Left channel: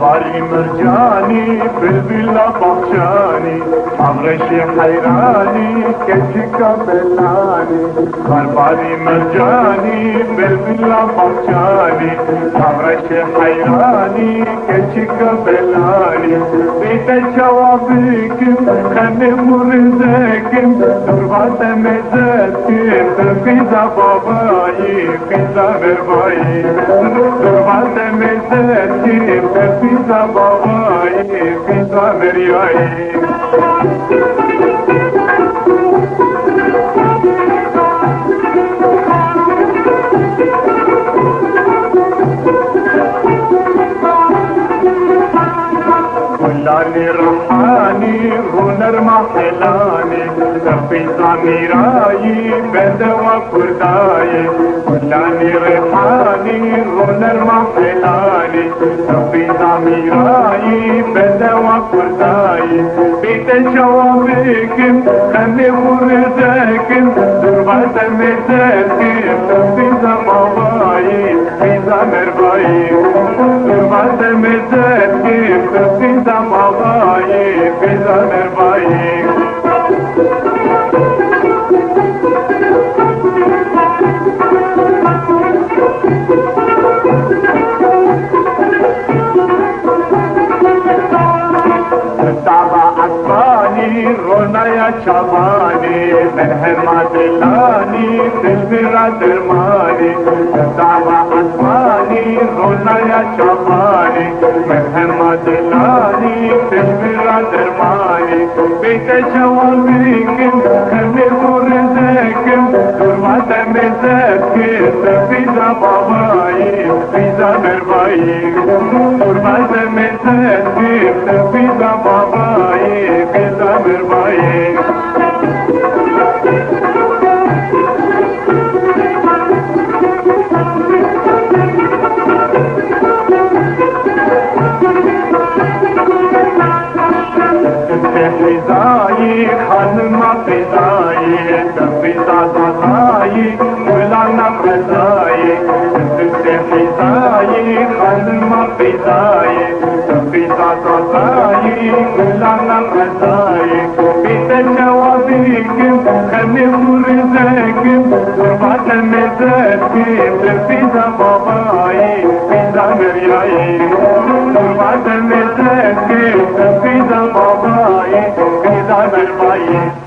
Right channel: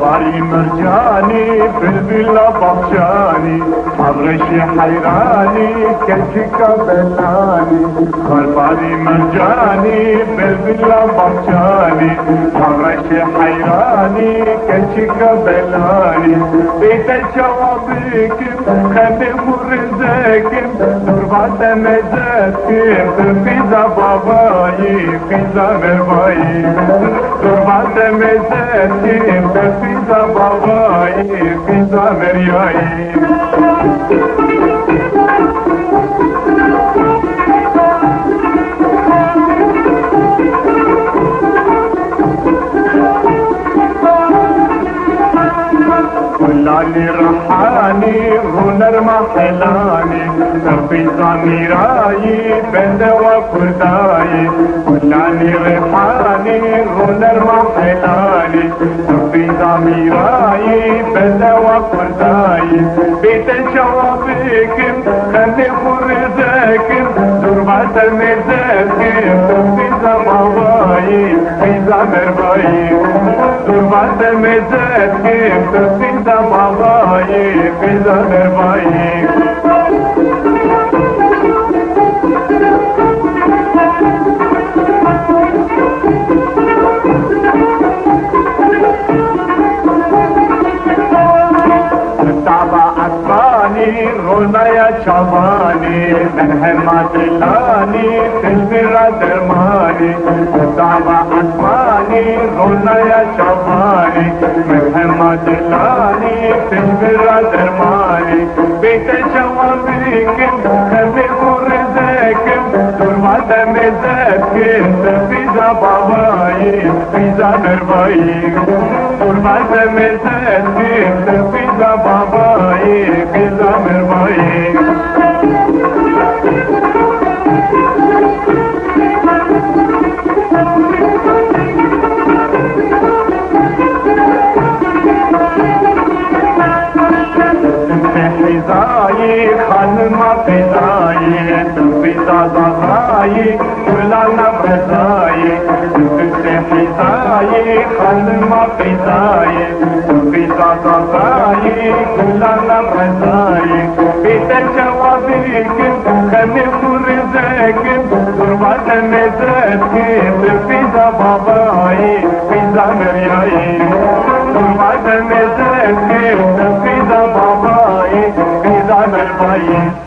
باري مرجاني بالبلا بخشاني عبرشي حيراني كشكا بلاني باري مرجاني بالبلا بخشاني عبرشي حيراني كشكا بلاني بيت الشوابيكم خلي مرزاكم تربات مزاتكم تفيزا باباي فيزا مرباي تربات مزاتكم تفيزا باباي فيزا مرياي لاني رحاني رونر محلاني في ضميراي بدوا كرداي لاني رحاني رونر محلاني في ضميراي بدوا كرداي بيت الشوابيكم خلي فرزاكم دربات المزاكم في زباباي في زمرباي دربات المزاكم في زباباي في زمرباي رونا يا شباني من همات لاني تشبير درماني دعوة أسماني رونا يا شباني من همات لاني تشبير درماني بيت شوابيكم خلي فرزاكم دربات مزاكم فيزا باباي فيزا مرباي دربات مزاكم فيزا باباي فيزا مرباي حزاي خانم فزاي تفيزا زاي ولانا فزاي حزاي خانم فزاي تفيزا زاي ولانا فزاي بيت الشوابيكم خلي فرزاكم دربات مزاكم تفيزا باباي فيزا مرياي دربات مزاكم تفيزا باباي في زمن باي